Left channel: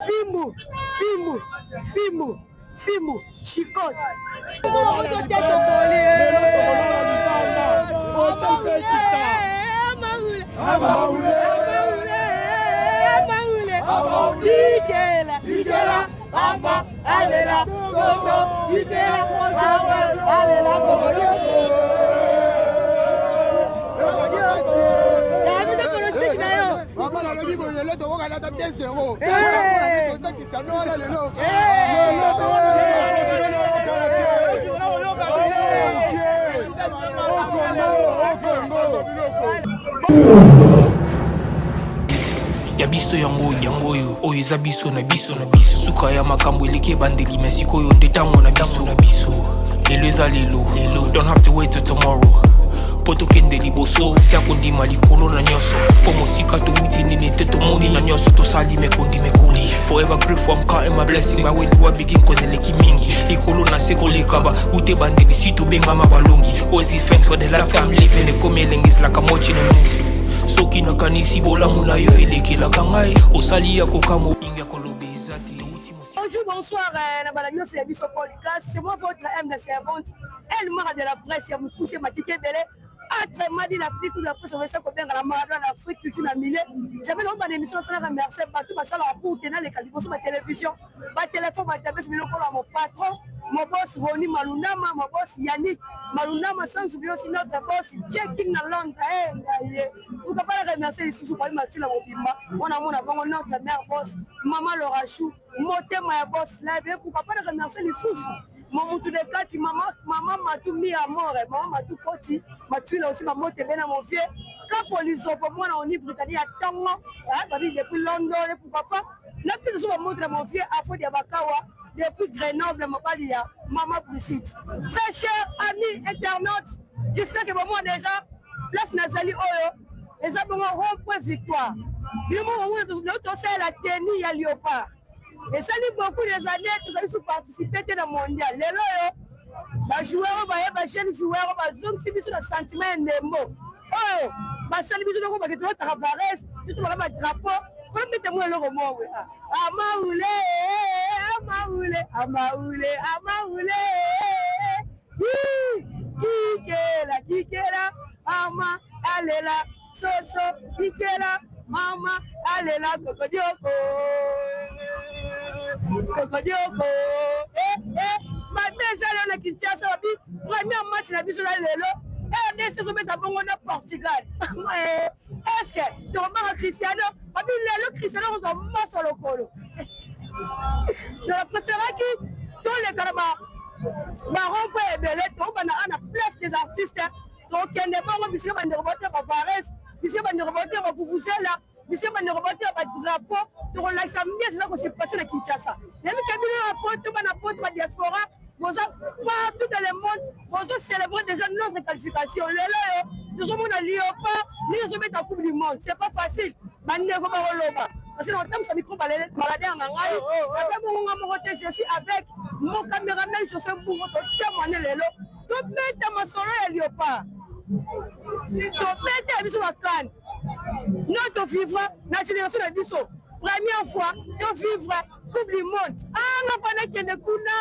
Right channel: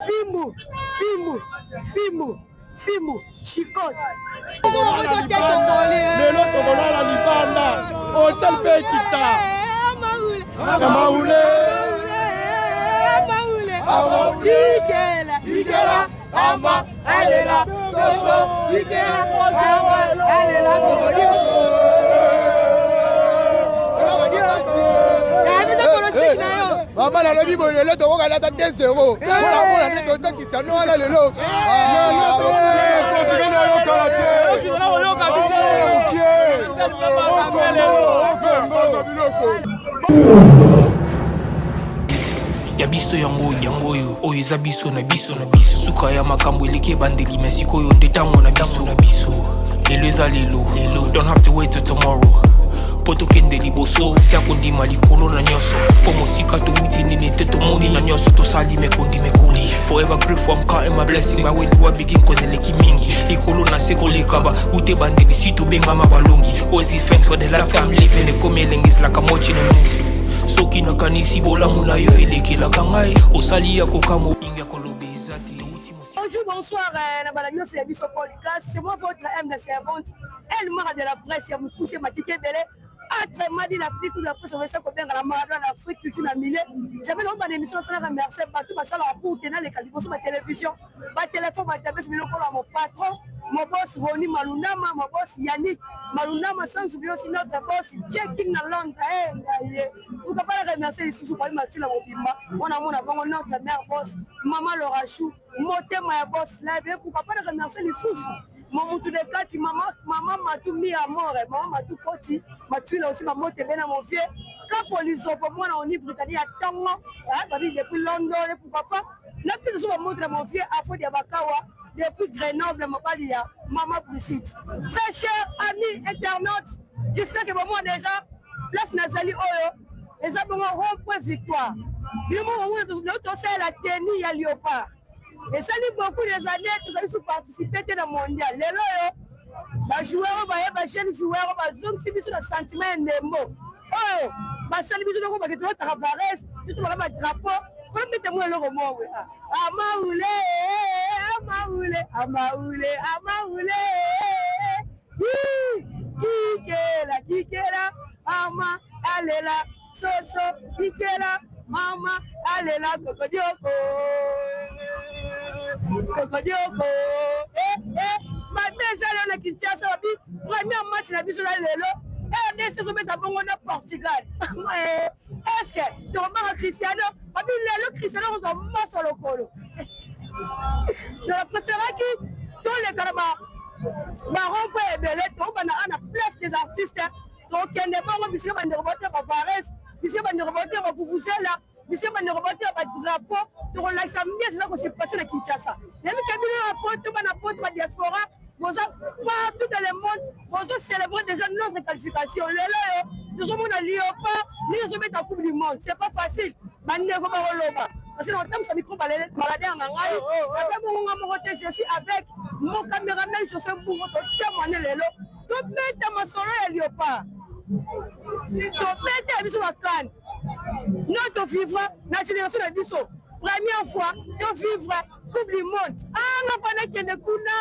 Fimbu, Fimbu, Fimbu, Fimbu, Chicote. Maman la vie bon le to ka la ta 2-0. Pour qui ça non la lelo. Ya biso yango oyo eza biso na biso suka ya makambo eleki bandeli mesiko yo ndetango na biso lelo eza lelo don't have to wait till tomorrow poto kende liboso tia kondima likolo na nyoso po mosika towuti nini te tomoni na nyoso tosali mekoli forever grateful I'm counting my blessing my way to a begin cause eleki mingi likolo na seko lekaba ute bandeli si tobengama balongi always give thanks for the life I'm living ekome elengis like I'm watching a movie soki nakanisi bolamu na yo elekelaka ngai osali ya kokamo inga kolobe ezate. Bonjour, bonsoir, c'est moi votre M, la servante, elle m'a de la presse, il y a beaucoup de Mathieu Belé. Très mal dit l'Afrique, ou la presse, on va s'en bien à la Maradona, l'Afrique, toujours la milieu. J'avais l'homme d'émission, ça a remercié, partout, ma salle pour tenir les calibres sur ma télévision, ma téléphone, ma tablette, mon patron, mon boss Roni Malunama, mon boss Yannick Malunama, sans oublier aussi notre boss Check-in à Londres. Vous ne pouvez pas remercier les sous-sous, Mathieu Labobimba, on a mon avant notre mère boss, maman Laura Chou, Moté ma boss live, pourquoi pas remercier les sous-sous. Maman tout de kati maman m'a tout mis à mort maman m'a tout poti m'a tué là aussi maman t'es bien à mon vieux quand police pour moi on est britannique à Tango depuis Londres pourquoi pas la plus souvent montre mon vieux à Fodi Abakawa depuis Grenoble m'a pas dit maman Brigitte très cher amis internautes j'espère que moi déjà place Nazali Oyo les abonnés rond-point victoire le moment où l'autre c'est la tenue à Léopard. Et ça dit beaucoup des années que vous avez participé dans le mondial. Les joueurs, les jeunes joueurs, les hommes, c'est sur le sentiment des mots. Oh, c'est le bisou de tu vas travailler, tu vas avoir un drapeau. Comment mettez-moi le roman? Amaoulé. Kikela, Ama, allez là, Soso, Kikela, Mama, allez là, Cocodioko. Ma mère est qui tient ça, premier match la biso la lelo. RDC se met à bon au Portugal. Est-ce que tu remarques Cristiano? Papi le Cristiano on s'en masse sur le colo. Je préfère qui tous les carabas. Baron peut être belé, on a la place des artistes. Donc il n'est pas moi monsieur va ne remonter par Paris, monsieur va ne remonter par Vuvuzela. Monsieur va ne remonter par drapeau. Donc là ça mieux c'est ça qu'on s'est passé à Kinshasa. Même quand il y a un diaspora, vous partout dans le monde, vous célébrez déjà notre qualification. Nous sommes à Léopard, nous sommes à la Coupe du Monde. C'est pas facile. Parce que dans le temps, ça micro maladie en anglais. Je suis avec mon caméraman, je suis un bourreau de témoigner les lots. Donc, mettez ma soirée à Léopard. Donc, mettez à Bissou Wakan. Notre vivre, la génération de Bissou. Première fois, nous vivre Coupe du Monde. Ah, on a fait des Kuna.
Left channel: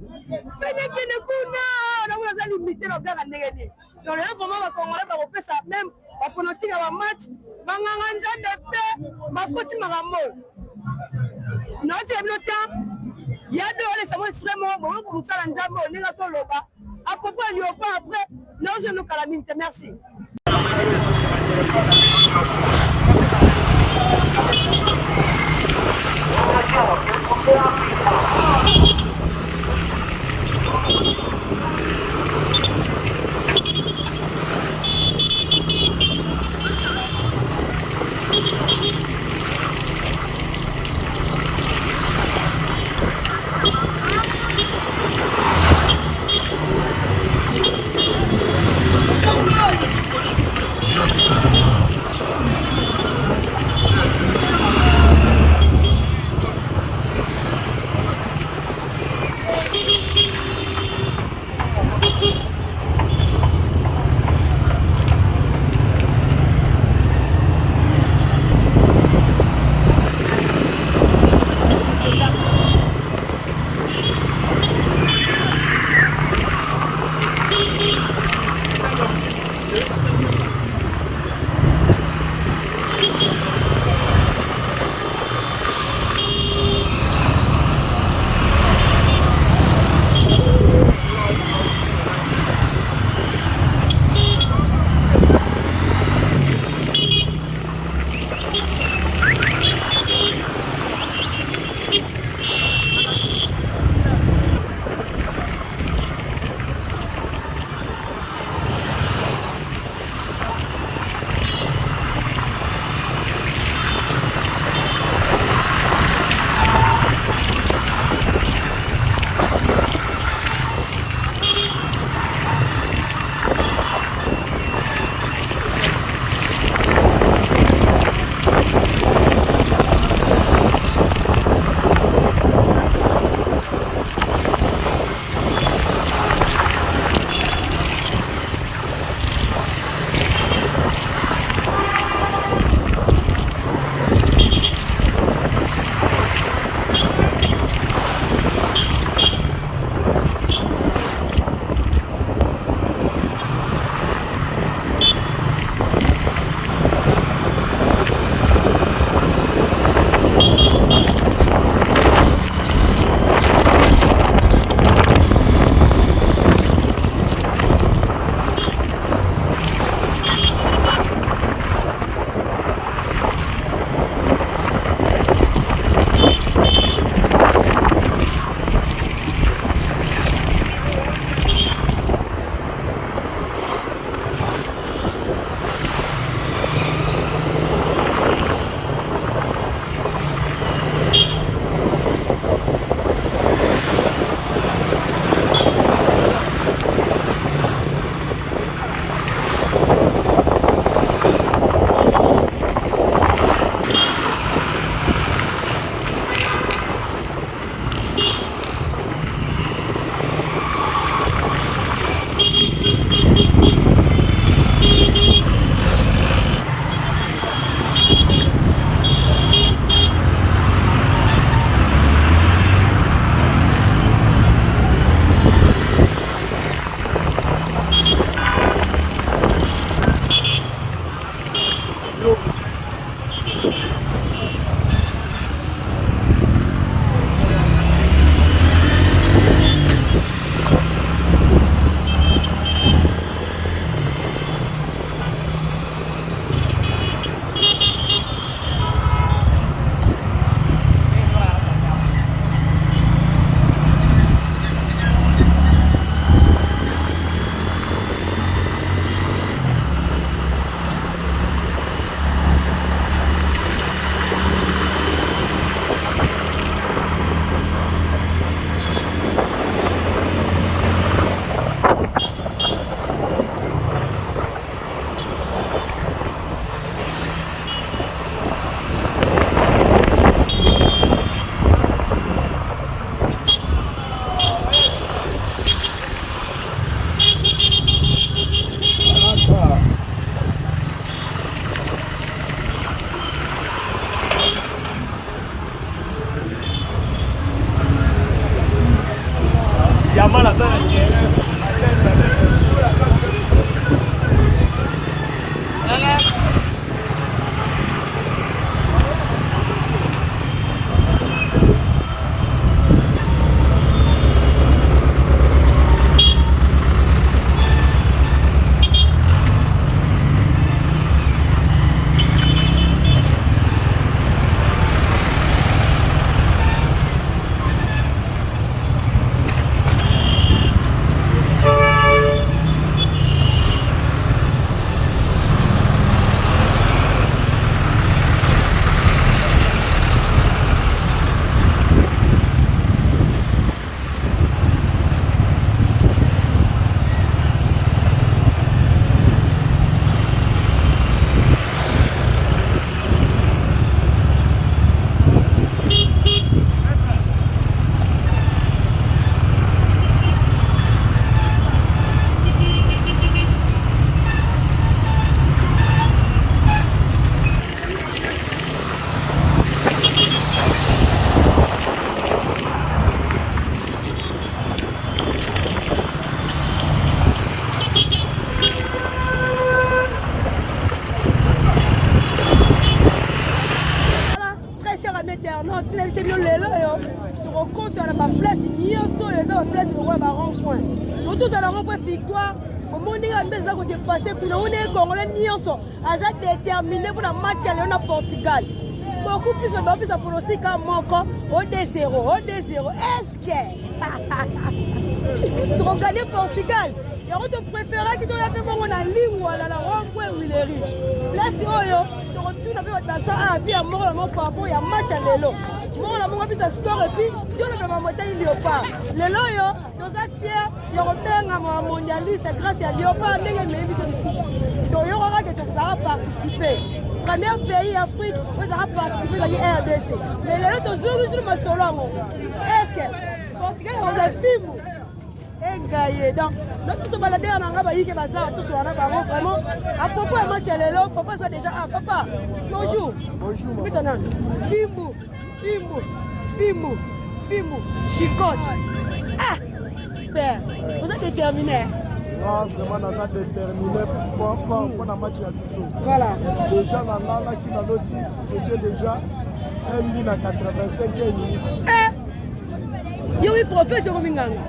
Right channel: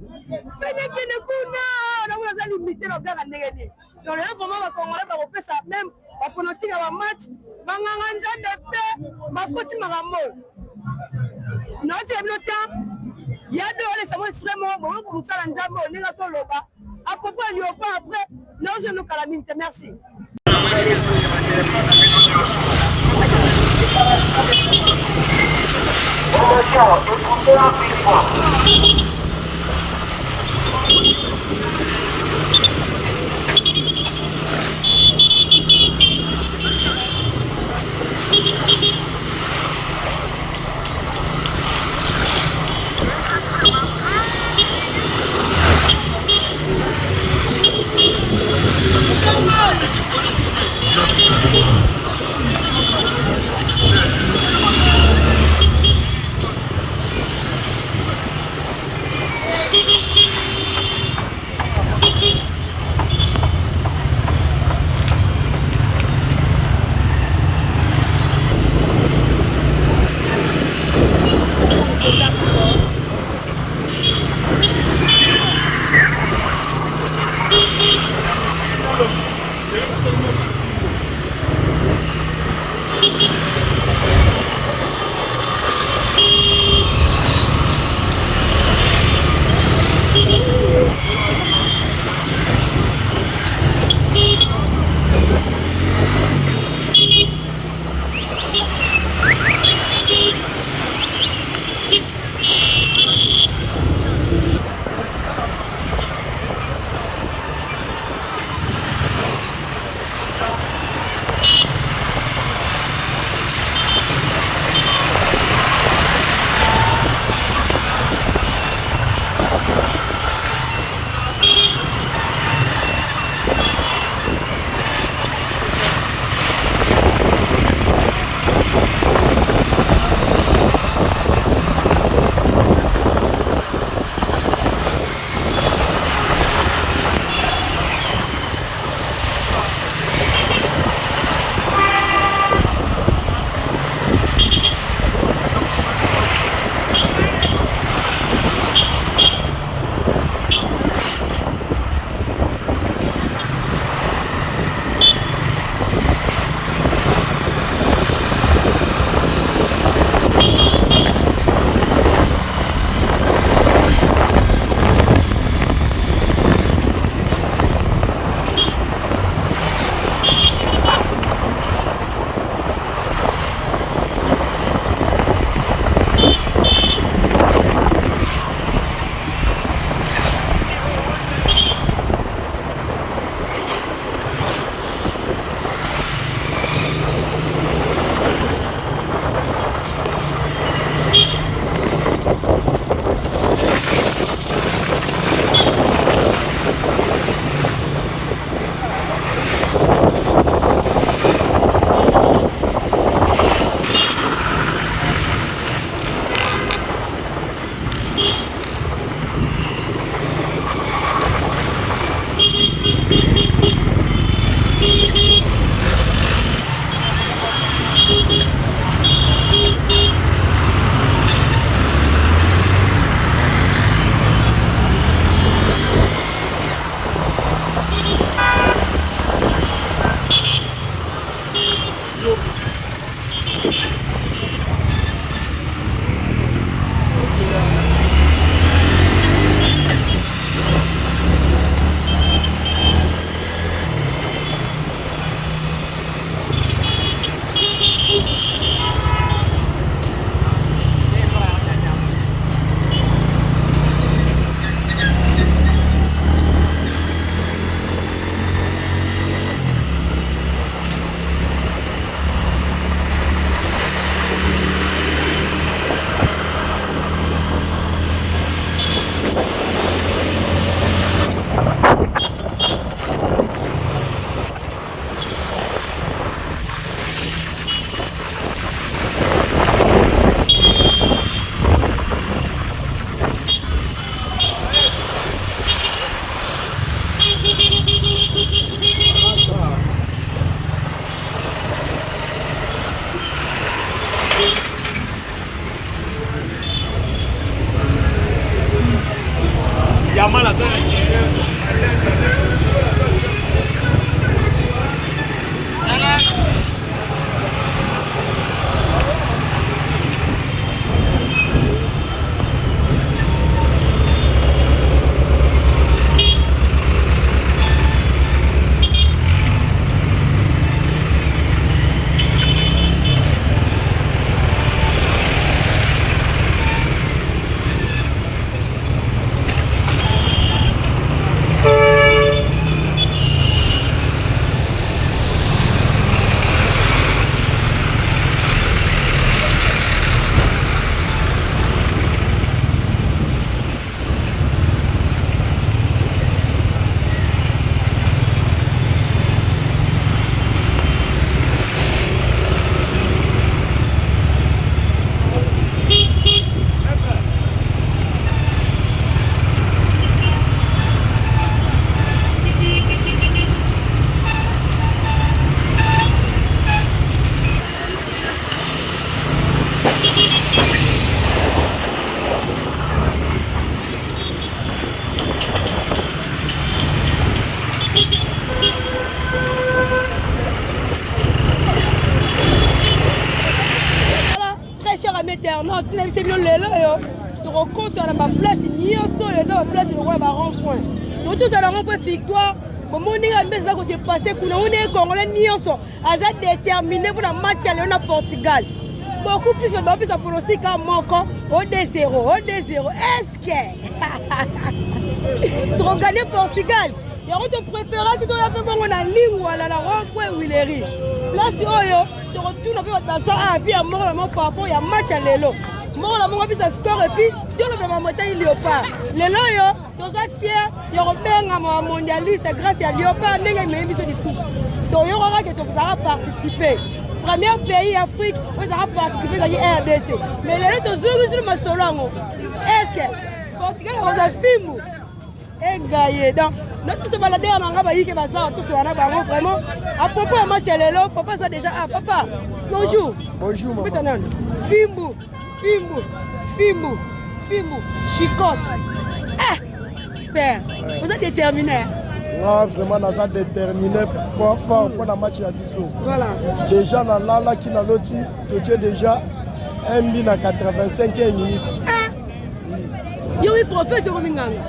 On a limité le gars à Négani. Donc, là, vraiment, on va faire ça même. On pronostique à un match. On va faire paix. On va continuer à mort. Notre temps, il y a deux ans, c'est extrêmement bon. On va faire un jambon. On est sur le bas. À propos de Léopard, après, nous allons nous calamiter. Merci. c'est bien là. Tu rencontres à la place, ni un son, et la place, le roi va rond-point. Donc, tout à l'heure, on peut victoire. Comment on est à mettre ça qu'on s'est passé, on est congolais, ni un son. Asa déterminé pour la match à Léon Portugal. Beaucoup plus de ça pronostic à Moko, au 2-0, Est-ce que tu vas gagner Portugal? Et on te préfère que tu aies fait bon la ligne ou à la rond-point où il est ri. Là, si tu retournes avec votre ça à vie à mort, par rapport à match à l'élo. Mort, la mort, ça score et puis tu le fais monter léopard. L'élo, nous sommes fiers, il y aura un mondialiste grâce à léopard, nous avons mis sur les sous. Donc, il y aura que tu vas participer. Premier pays Afrique, vous allez participer à la RDC. Mais les autres jours, sur le solo. Est-ce que Portugal a un film? Et gagné. Donc, notre se balader en Angaba, il y a tout sur Angaba, vraiment. À propos de match, l'élo, papa, ça déjà. Ah, papa, bonjour. Bonjour. Fimbo, chicote. Eh, père, vous êtes déterminé. Ah, vraiment, nous sommes déterminés pour la match à Bissau. Voilà. Déjà, là, qui n'a l'autre, tu es déjà 1 minute à 85 minutes. Eh, oui, prophète, Rominganga.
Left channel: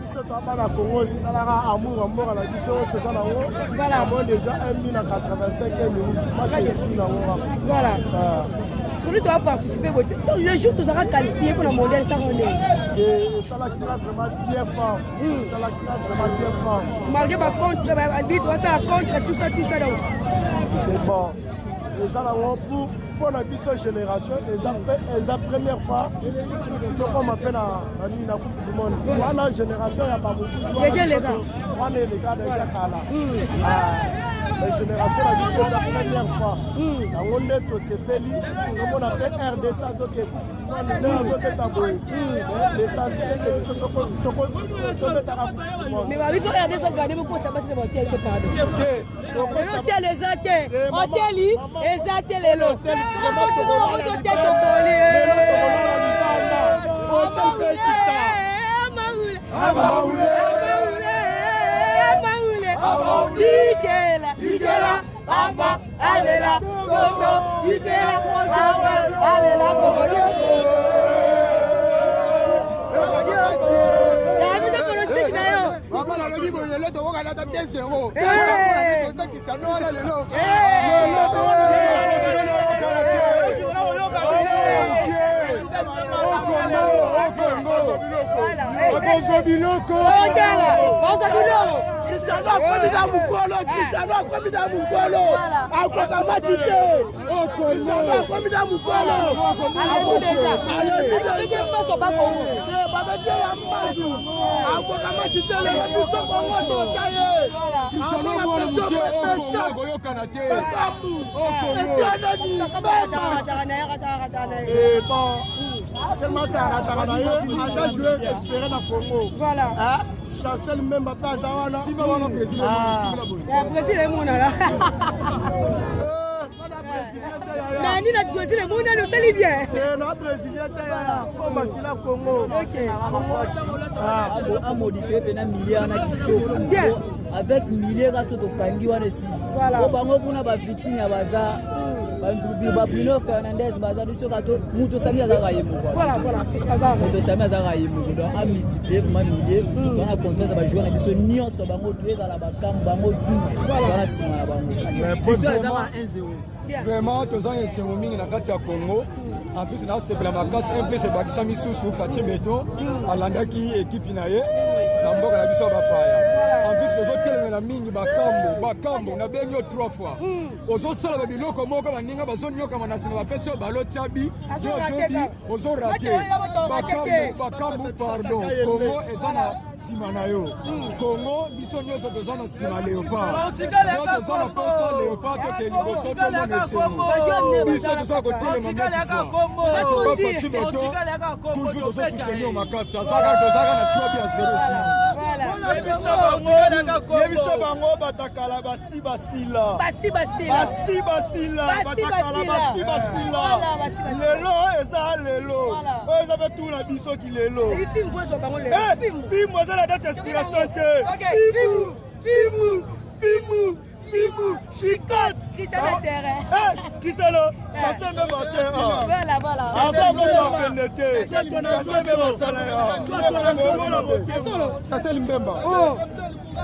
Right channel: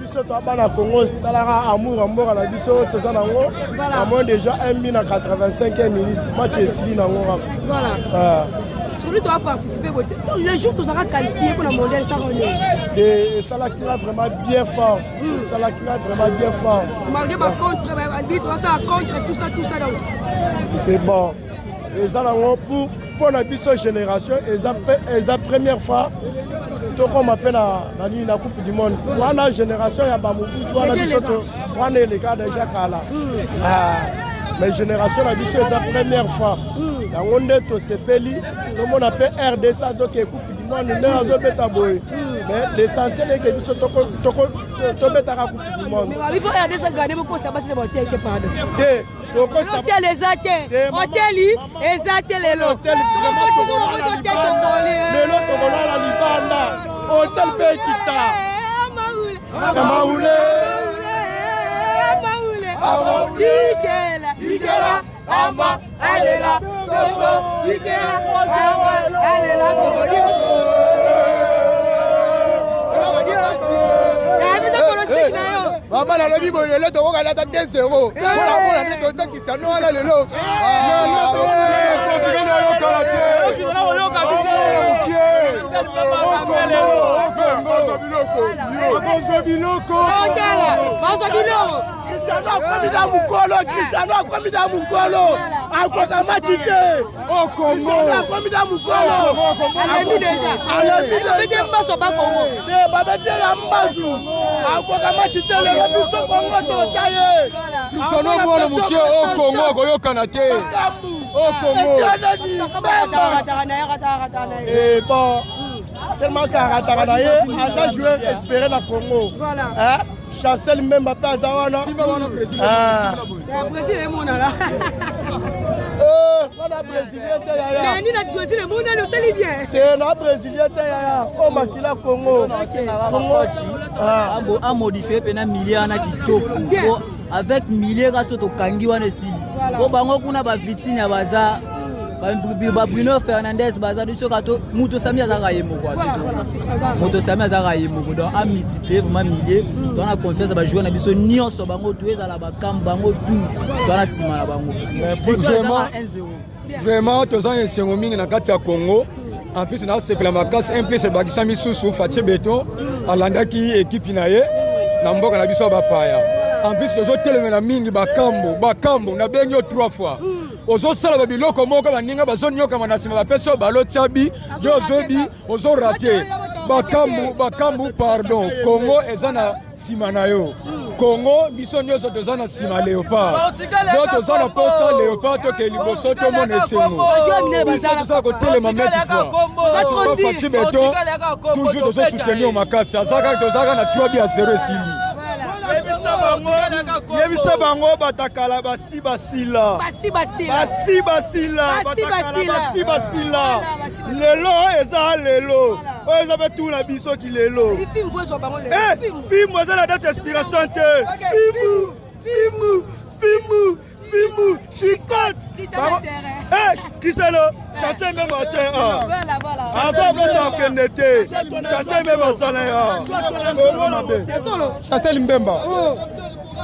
Biso to bana Congo talara amour à la biso to ça nango voilà moi déjà 1 minute à 85 minutes match est nango voilà celui doit participer le jour tu seras qualifié pour le mondial ça rené et ça là qui va vraiment bien fort ça là qui va vraiment bien fort malgré ma contre arbitre ça contre tout ça donc et bon et ça nango pour la biso génération et la première fois comme appelle la Coupe du Monde. La génération, il y a pas beaucoup de les gars déjà Kala. Mais génération, c'est sa première fois. On est au CPLI, comme on appelle RD, ça c'est Coupe du Monde, nous avons mais l'essentiel est que nous sommes tombés à la Coupe du Monde. Mais pour RD, ça gagne beaucoup, ça passe les hôtels qui pardon. Hôtel les hôtels, hôtel les hôtels les lots. tellement Karataraye, à joueur espéré dans Congo. Voilà. Chancel même pas à Zawana. Brésil est mon là. Mais ni notre Brésil est mon là, nous c'est bien. Notre Brésilien est au Makila Congo. A modifié pendant milliers na kitoko. Avec milliers grâce au Kangi wana sili. Au bango kuna ba vitine ya baza. Bruno Fernandez bazadu sur kato muto sami azaka yemo quoi. Voilà, c'est ça va. Muto sami azaka yemo donc a multiplier vraiment milliers. Donc on a confiance ba jouer na biso nyonso bango tueza na ba kamba bango tout. Dans la sima na bango. Vraiment tous en sengo mingi na kati ya Congo. En plus na sepela makasi en plus bakisa misusu Fatie Beton alandaki équipe na ye na mboka na biso ba paya. En plus les autres telemena mingi bakambo na benyo 3 fois. Ozo sala ba biloko moko baninga bazonyoka manasima ba peso balo tiabi yo zobi ozo raté bakambu pardon Congo ezana simana yo Congo biso nyoso tozana sima léopard donc tozana posa léopard to ke liboso to monesengo biso toza ko telema meti fois Fatie Beton toujours tozo soutenir makasi azaka tozaka na 3 à 0 ici. Yebisa bango batakala basi basila lelo eza lelo oyo eza betu na biso ki lelo film eza na date inspiration te film Fimu, Chicotte. Kisalo, chassez même en terre. Voilà. Chassez Mbemba.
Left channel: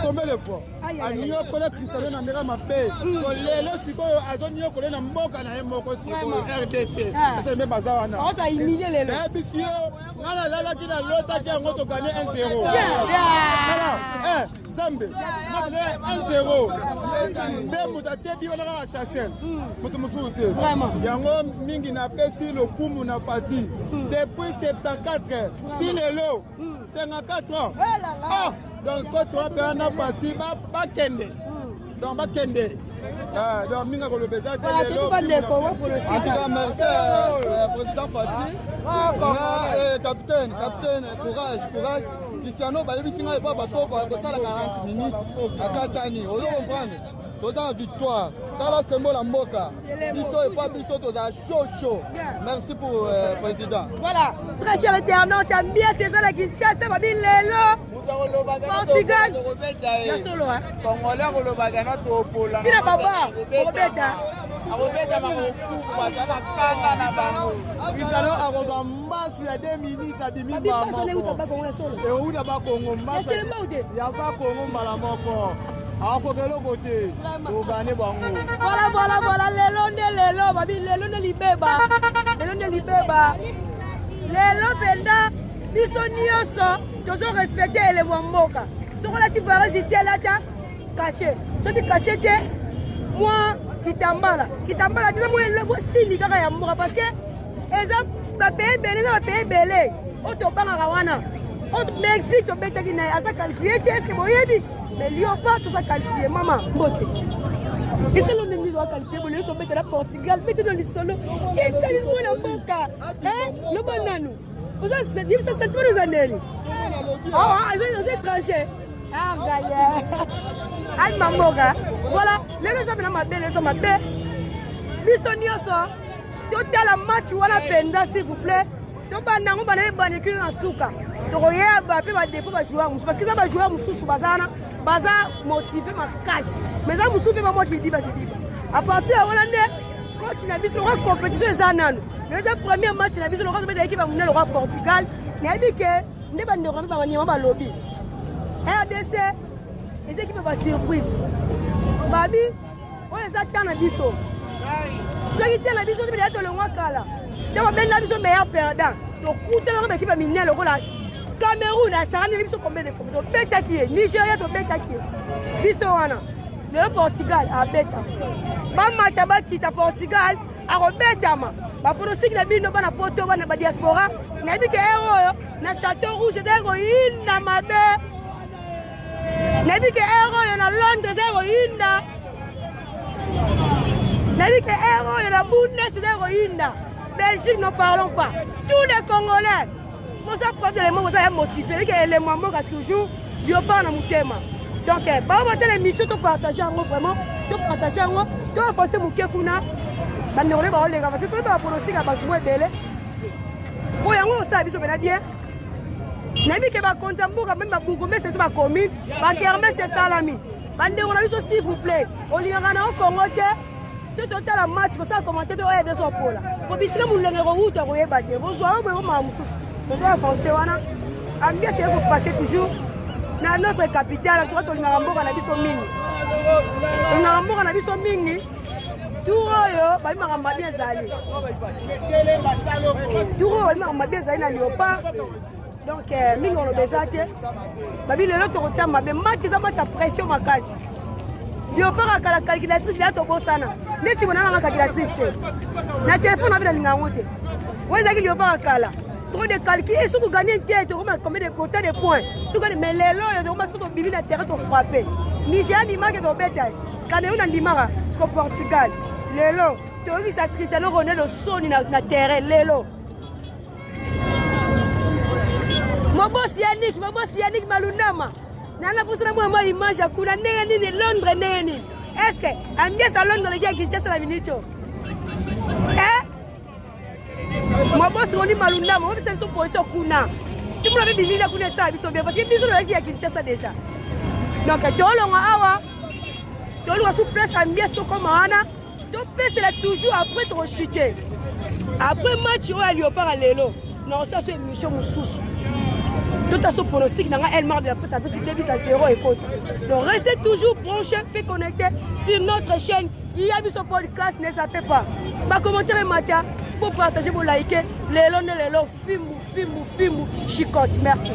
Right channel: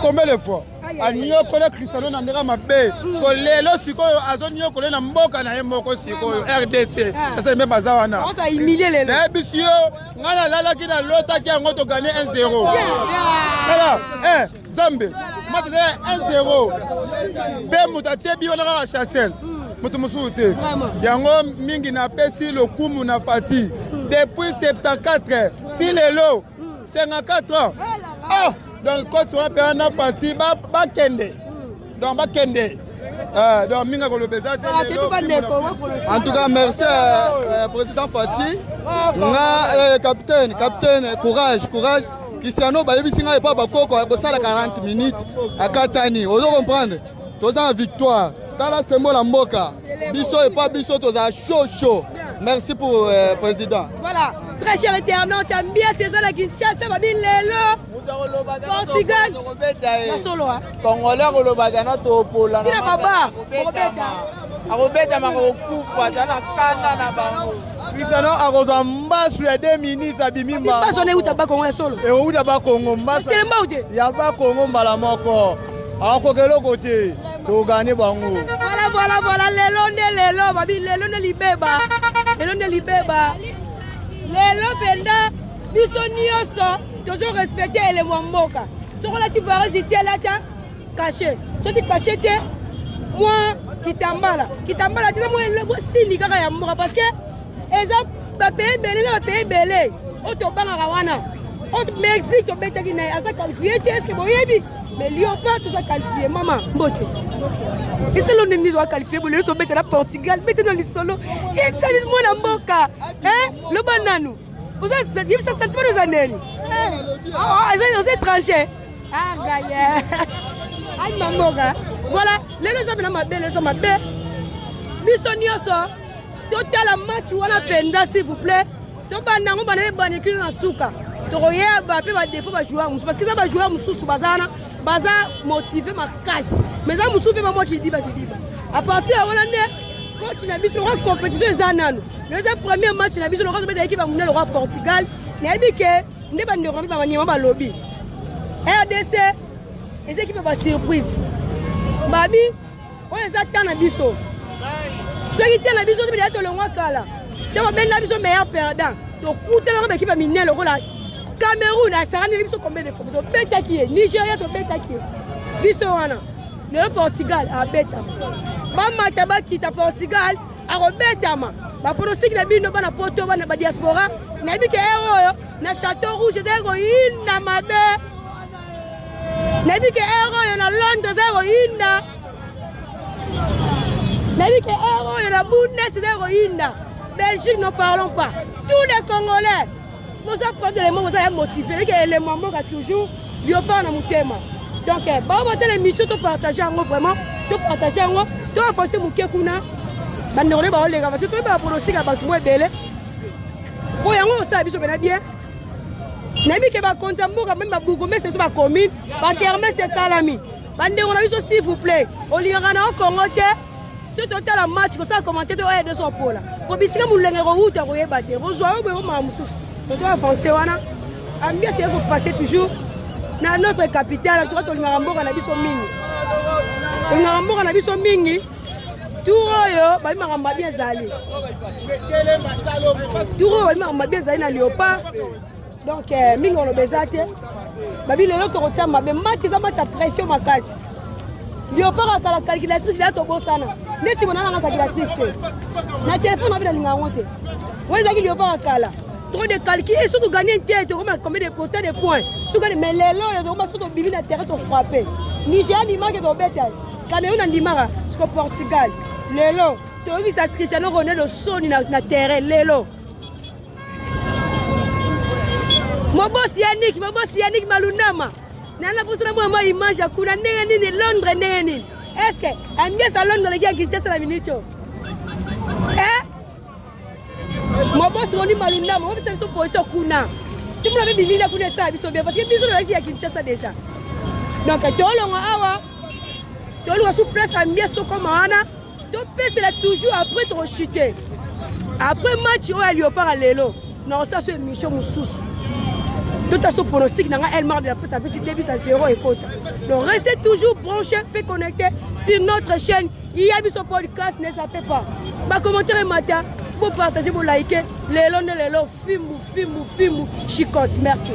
Combien de fois? Anyo kole Cristiano Nandera mabe. So lelo sikoyo azonyo kole na mboka na yemoko sikoyo RDC. Chassez Mbemba zawana. On va humilier les gens. Bisio, ngana lala kina lota ki ango to gagner 1-0. Voilà. Zambe. Matele 1-0. Be mutatie bi ona ka Chassel. Mutu musute. Yango mingi na pesi le kumu na fati. Depuis 74, si lelo 54 ans. Ah, donc quand tu vas faire une partie, ba kende. Donc ba kende. Donc minga ko le beza. En tout cas, merci président Fati. Nga capitaine, courage. Cristiano Balebi singa et pas bakoko ba sala 40 minutes à Katani. On doit comprendre. Tous en victoire. Dans la symbole en Moka. Bisso et pas Bisso, tous à chaud. Merci pour le président. Voilà. Très cher internaute, tu aimes bien ces gens qui chassent, ma bille, Portugal. La solo, hein. Congolais, on le badana to Pola. Tina Baba, Robeta Marokufa, Tana na bango. Cristiano akoza mbasu ya 2 minutes abimi mba. Pas sonné où t'as pas Congo solo. Et où t'as pas Congo mbasu. C'est le mot. Ya pas Congo mbala moko. Akokelo côté. To gagner bango. Voilà, lelo, babi lelo ne libeba. Lelo penda biso nyonso tozo respecter les mboka. Soko la ti va résister là ta caché. Tu te caché te moi kitambala ti moi logo sili kaka ya mboka parce que eza ba pays belé o to banga wana. O Mexique to betaki na asa qualifié est-ce que boyebi mais Léopard tout ça qualifié maman mbote. Et c'est l'on est mis à qualifier pour le tomber à Portugal, mettez dans les solos. Et ça dit moi la mboka. Hein? Le banano. Vous avez ça dit ça c'est pas nos années. Ah, les étrangers. Ah gaïa. Aïe ma mboka. Voilà, les gens ma belle. Bisonioso. Total match wala penda s'il vous plaît. To banango banane banekini na suka. Tokoye ba pe ba défaut ba joueur parce que ça ba joueur mususu bazana. Baza motivé ma casse mais ça musu pe moi qui dit à partir de Hollande coach na biso la compétition zanano le premier match na biso le coach ba équipe va le roi Portugal na bike ne ba ndeko ba nyama ba lobby RDC les équipes ba surprise babi on les attend na biso ceux qui étaient na biso de être le roi kala de ba na biso meilleur perdant donc coûter la équipe minée le rôle Cameroun a sarani biso combien de fois to beta qui est Nigeria to beta qui est biso wana le Portugal a beta ba mataba qui ta Portugal a robeta ma ba pronostic na bino bana poto bana ba diaspora na bike héros na Château Rouge dengo inda mabe na bike héros na Londres dengo inda na bike héros na Bundes dengo inda Belgique ne parlons pas tous les Congolais. Vous avez prendre les mots, vous avez motivé, que les mamans ont toujours Léopard dans mon thème. Donc, les missions, tu partages en vraiment, tu partages en tu as forcé mon kékuna. Parce que tu as aussi un bâtiment belé. Pour y avoir ça, je vais bien. Nami que va compter même ma bougou, mais c'est ma commune. Ma kermesse, c'est salami. Bande, on a vu s'il vous plaît. On lui en a commenté. Ce total match, que ça a commenté de de son pôle. Pour que vous l'ayez revu, tu as battu. Rejoignez vous on doit avancer, on bien c'est vous passer toujours dans notre capitale, on a vu son mini. On a vu son mini. Tout le monde bien zali. Tout le monde bien zali na Léopard. Donc, mingi on a besoin de. Babi le lot retient ma bien match, c'est un match à pression ma casse. Léopard a la calculatrice, il a tout beau sana. Mais si on a la calculatrice, na téléphone avec la ligne à monter. Vous avez Léopard à Kala. Trop de calculs et surtout gagner une tête, combien de points de points. Mais les lois, il y a surtout bibi na terrain, tu frappé. Nigeria, ni marque de bétail. Cameroun, ni marque, jusqu'au Portugal. Les lois, tu as vu ça, Cristiano Ronaldo, son na terrain, les lois. Mon boss Yannick Malunama. Nana pour ça, moi, image à Kuna, Néni, Londres, Néni. Est-ce que, ambiance à Londres, les gars qui tient la minute? Hein? Mon boss on dit Malunda, moi c'est une position Kuna. Tu me l'avais dit là Kuna ça, ils sont bien parce que ils sont là ici à Kinshasa déjà. Donc tout le monde awa toluka sous place à mieste comme Anna. Donc c'est toujours après trop chuter. Après match au Léopard à l'élo. Non, ça c'est une mission sous. Tout à ce pronostic, elle marque de la presse, c'est début à 0 et côte. Donc restez toujours branchés et connectés sur notre chaîne. Il y a mis ce podcast, ne zappez pas. Ma commentaire le matin, pour partager, pour liker. Les lots, film, chicote. Merci.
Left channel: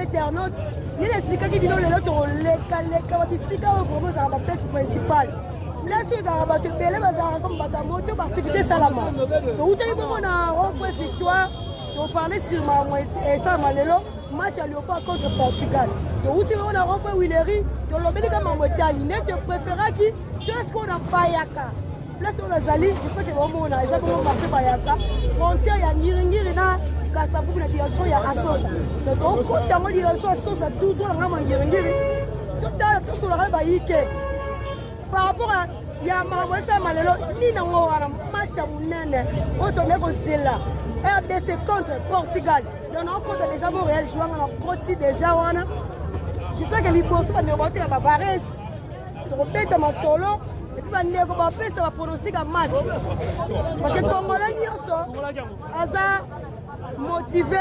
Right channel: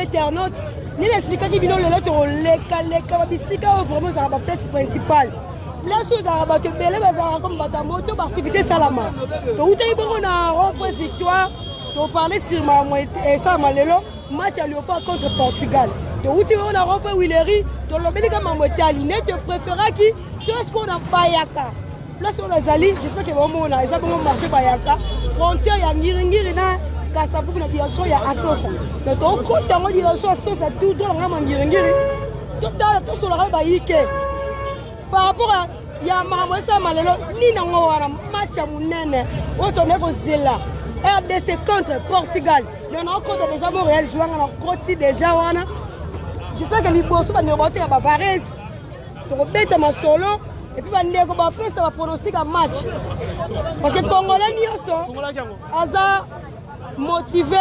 internautes, ni l'expliquer qui vient le lot les bisika vraiment ça va place principale. Là sur ça va te belé bazar comme bata moto activité salama. To utai bongo na rond-point victoire, to parler sur ma ça malelo match à Léopard contre Portugal. To utai on a rond-point Willery, to lobeli comme motali net préféra qui qu'est-ce qu'on a pas yaka. Place on a Zali, j'espère que vraiment on a ça bon marché pas yaka. Frontière ya ngiri na Kasabu na direction ya Asosa. Mais donc quand on dit direction Asosa tout dans la ngiri. Tout dans tout sur la ba yike. Par rapport à ya mawesa malelo ni na ngora match ya munene. Oto neko zela. RDC contre Portugal. On a encore déjà Montréal jouant on a côté déjà wana. J'espère que Liboso va nous remonter à Bavarese. Tu rebêtes ma solo et puis va négo va faire ça va pronostic un match. Parce que Congolais nyonso aza motivé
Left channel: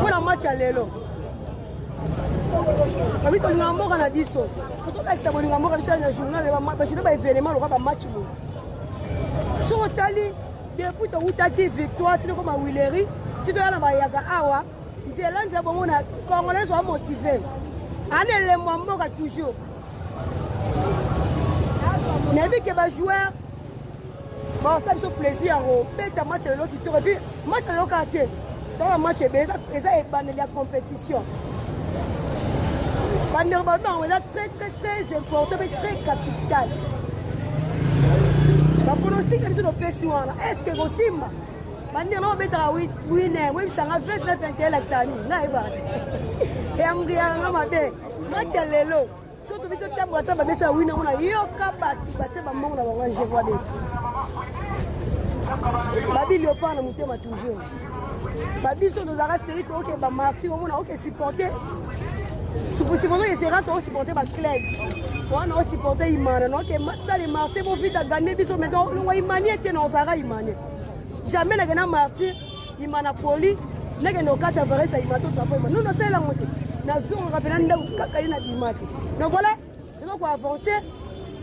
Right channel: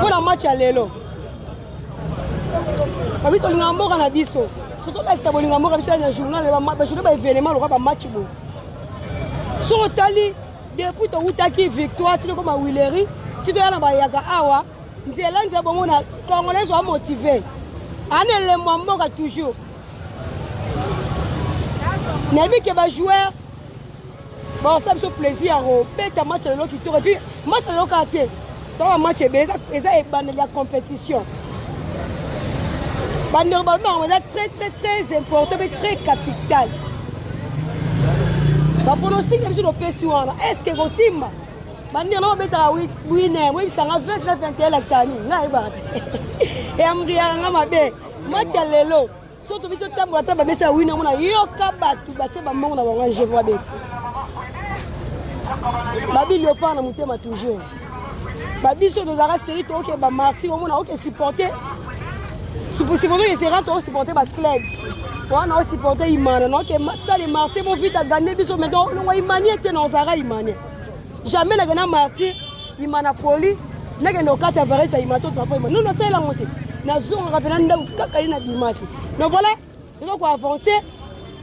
pour le match à l'élo. Quand on a un mot en abisso, surtout avec ça, on a un mot dans le journal, je ne vais pas événement, le match. Sur le tali, depuis que tu as eu victoire, tu es comme à Willery, tu dois aller à Yaga Awa, tu es là, tu es bon, les Congolais sont motivés. Un élément toujours. Nabi qui va jouer, bon, ça me fait plaisir, un match à l'eau qui tourne, et puis match à l'eau qui a été. Dans le match, c'est la compétition. Normalement, on est très important, mais très capital. La pronostic est sur le PSU. Est-ce que vous savez, on va être winner, oui, ça va 20-21 l'accent. Et on va dire, match à l'élo. Surtout que tu as un peu de winner, on a eu un cabat qui va être un monde à manger. La ville n'est pas en montant toujours. La ville sur nos arrêts, c'est que les martyrs, on a supporté. Si vous essayez de supporter votre club, on a supporté Imane. Donc, les martyrs vont vite gagner. Mais donc, Imane était dans Zara Imane. Jamais n'a gagné martyr, Imane a poli. N'a gagné au 4 avérés, ça Imane. Nous, nous sommes la montée. Nous sommes rappelés dans Kakarina Dimati. Donc voilà, nous avons avancé.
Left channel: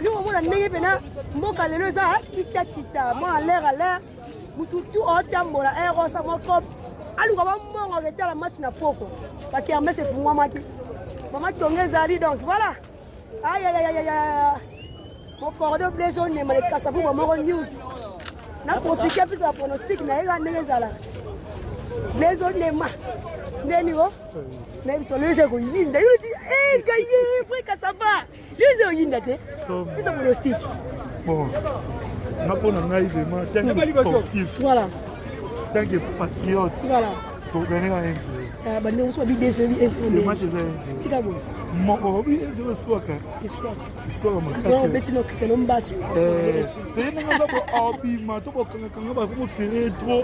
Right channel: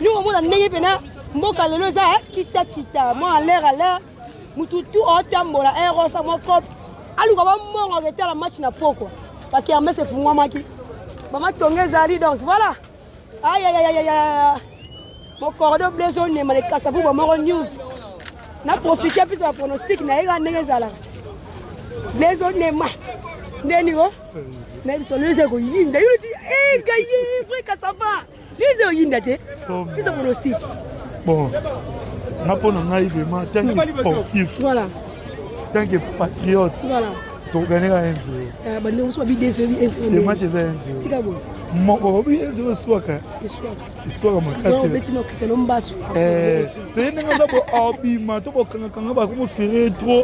Nous, on a gagné pendant. Mboka lelo za kita. Moi, à l'air. Mututu, en termes de la héros, ça m'a propre. Alors, on va arrêter la match na poko. Parce qu'il y a un mec, c'est fou, moi, qui. Maman Tongezali donc voilà. Aïe. Mon cordeau blessé on est mal cassé pour mon news. Na profiter plus de pronostic na ira Tongezala. Blessé on est mal. Ndeni wo. Na biso le zeko yinda. Il dit gagné frère Kasaba. Le zeko yinda te. Plus de pronostic. Bon. Na pour nous naïvement tant que sportif. Voilà. Tant que patriote. Voilà. Tu gagnes 1-0. Le match est 1-0. Mon corps est 1-0 soir. Le soir, mon non, mais tu n'as que c'est l'homme basse. Tu es dans un habillement, tu es serré trop.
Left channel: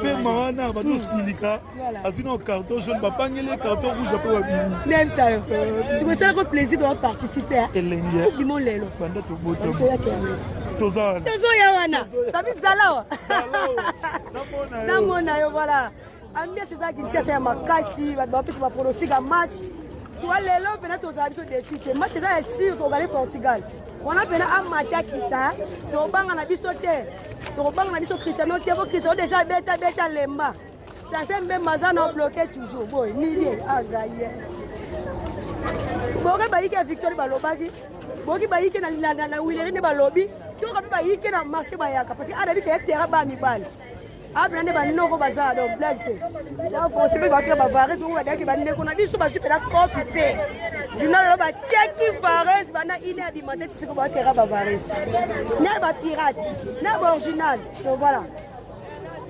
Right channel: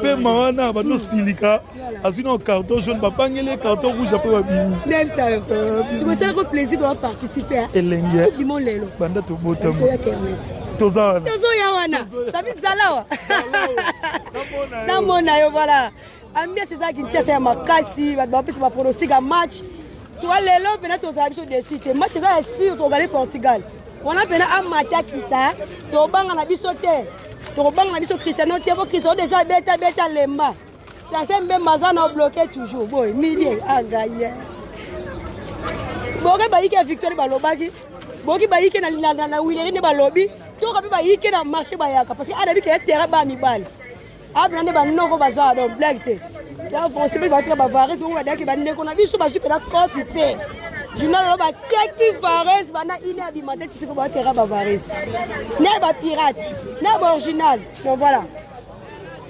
Pémana, tu silica. As-tu un carton jaune, papa, il y a un carton rouge après habillement. Même ça. C'est pour ça que le plaisir de participer. Et l'engue. Coupe du monde, Lélo. Banda, tu es beau. Tozo Yawana. Ça dit Zalawa. Namona, voilà. Ambia c'est ça qui tient c'est makasi, va faire ma pronostic à match. Tu vois les lots pendant tos habitudes dessus. Le match ça est sûr pour gagner Portugal. On a pendant un match kita, to banga na biso te. To banga na biso Cristiano te, Cristiano déjà beta lemba. Ça c'est même Mazana bloqué toujours. Boy, millier à gagner. Bon que ba yiki victoire ba lobaki. Bon ki ba yiki na Willery ne ba lobby. To ka ba yiki na marché ba yaka parce que adabi ke terrain ba mi bal. Après, on a un bazar, donc blague. Là, on sait pas que Bavarese, on va dire qu'on a vu sur ma super occupé. Je n'ai pas qui Varese, il est alimenté, c'est comment tu es Bavarese. N'est pas pirate, n'est pas original. Donc voilà.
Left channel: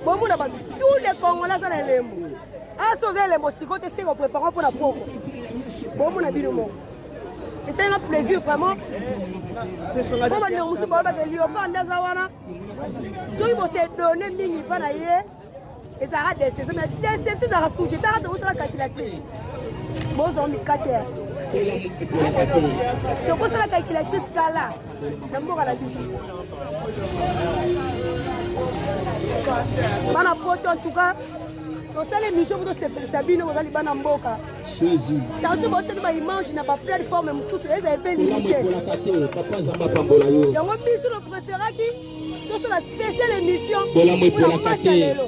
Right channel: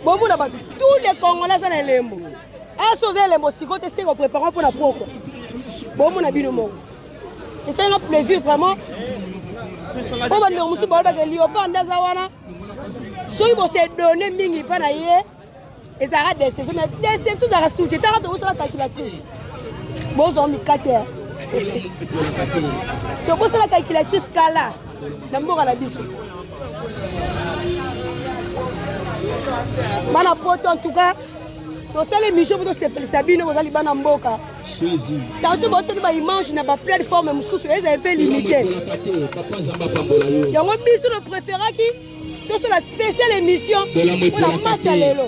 Bon, on a tous les Congolais sont les mots. À ce les mots, si on essaie de préparer pour la poco. Bon, on a vu le mot. Et c'est un plaisir vraiment. On va dire que nous sommes si vous se donner mingi pana ye et ça rate des saisons mais déception dans la soute t'as raté où ça la calculatrice bon on mi 4 heures to ko la calculatrice kala na mboka la biso bana poto en tout cas to c'est l'émission de Sabine vous allez bana mboka Jésus tantôt vous savez ba image na pas plateforme mususu ils avaient limité yango biso le préféré qui c'est la spéciale émission pour la match à l'élo.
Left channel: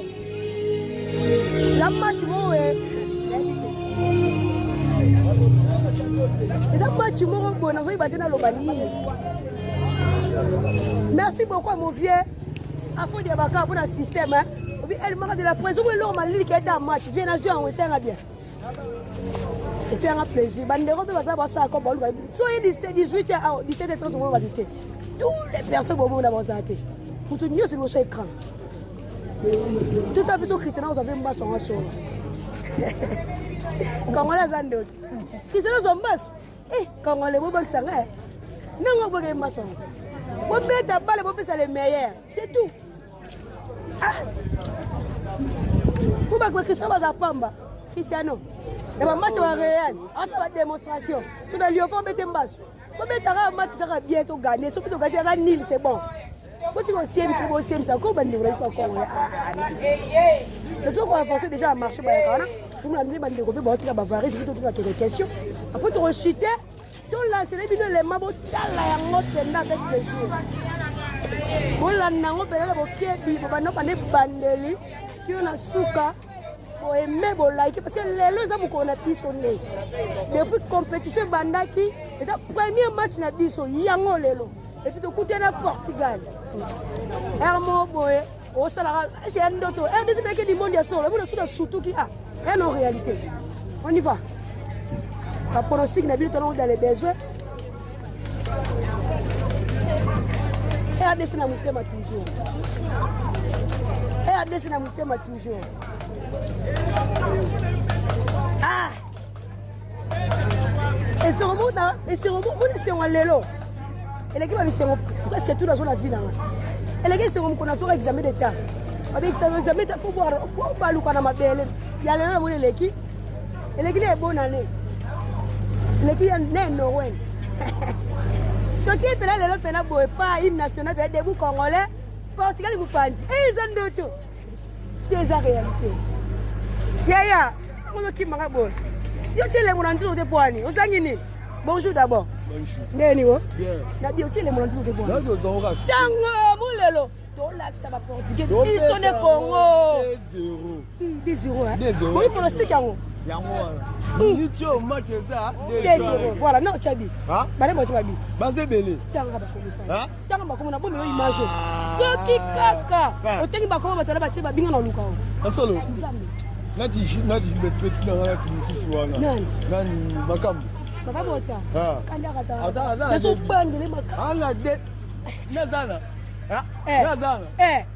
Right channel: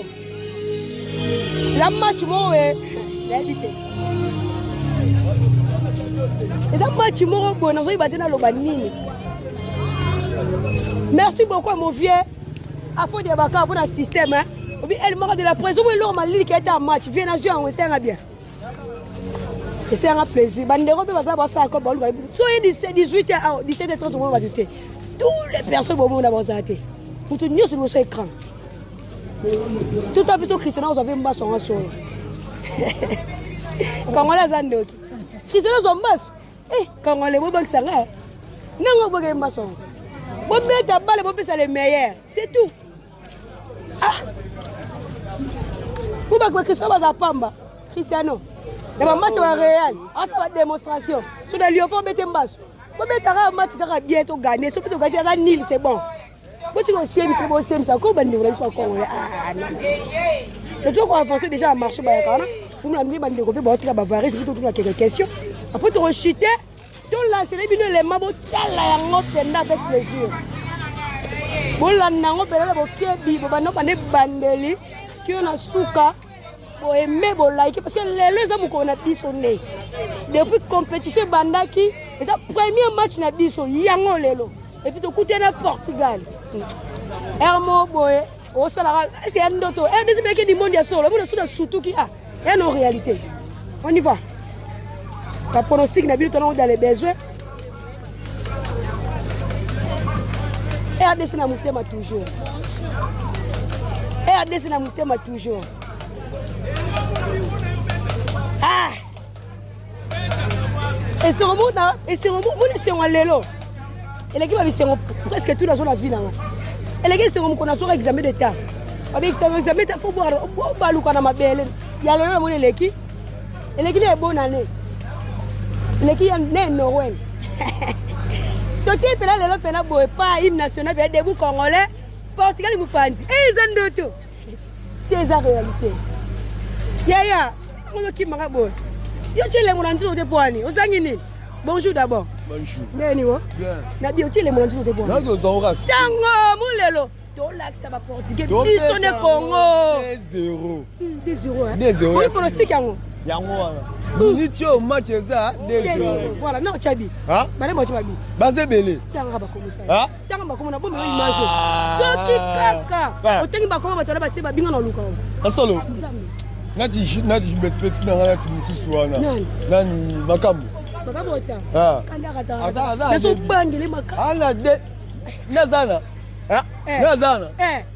La match, moi, et la match, moi, bon, nous avons battu dans le banini. Merci beaucoup, mon vieux. À fond de Bakar pour le système. Elle m'a de la prison, mais l'homme a dit qu'il était en match. Viens à jouer, on s'en bien. Et c'est un plaisir. Bandero, on va voir ça encore. Soyez 17h, 17h30, on va ajouter. Toutes les personnes vont avoir arrêté. Pour tout le monde, c'est écran. Tout à fait, Cristiano, vous avez un bas en son. Quand on a un Cristiano, vous avez un bas. Quand on a un bas, ça va. Non, on a un bas. Vous mettez ta balle, vous faites ça le meilleur. C'est tout. Pour que Cristiano va pamba. Cristiano. Et le match va réel. Ah ça va démonstration. Sur le lieu pour mettre en bas. Pour mettre un match qui va bien gagner. Si tu gagnes à nil, c'est bon. Quand tu es au CM, ça comment on ne pas congolais. Le truc qu'on va penser déjà à marcher par là. Pour nous amener bande de ba tra bavaris pour tout quelques questions. Après tu rechuter, tu lancer les bino les mabo tala yango penda avec plaisir. Bon la nango penda bo kebi bo bana bane bandeli qui on a souka pour aimer bo like parce que les hommes qu'on a biso né. Depuis compétition bandaki, et le premier match na biso yango lelo. Et puis tu coûtes le Portugal. Hermo boy, au salaire, c'est un autre. Un des mecs du monde, il y a surtout qui a. Et nos réalités. On y va. La pronostic n'a pas dans les besoins. Et RDC n'a pas toujours. Et RDC n'a pas toujours. Ah! Et c'est un monde, et c'est un monde, c'est un lélo. Et les gars, c'est presque toute la zone à vie. Et les gars, c'est comme qu'on a un examen d'état. Avec un examen d'état, il faut boire ma belle. Il y a le nom de l'équipe. Et l'équipe est bonne année. L'équipe est née Noël. Tout est là, le nom pas hymne national, il y a des bouts congolais. Portugal, il nous parle. Et ils ont d'autres. C'est la réalité. Yaya, on a qui m'a dit. Yo, tu es les moulins de poignées. Aux Anguini. Bonjour d'abord. Bonjour. Bien. Bien. Na bien tu les moulins de poignées. Non, ils ont rassé. Sango, moulelo. Tolak ça va portugais. Ils sont des Congo. 2-0. 2-0 hein. 2-0. On est pronostic yango. Minute au match ça 2-0. Voilà, non Tchabi. Hein? Bale mo Tchabi. Basé belé. Tanga ba komo ça. Hein? Tanga ba komo na bon image. Soki kaka. Otengi ba komo ba tola ba tiba binga na luka. Asolo. Nzambe. Nati bet petit na nati mususu wana. Nani makambo. Makambo tia. Ah. Kanda kata. Aza. Na so bangele makasi. Ala de. Nazana. Nazana.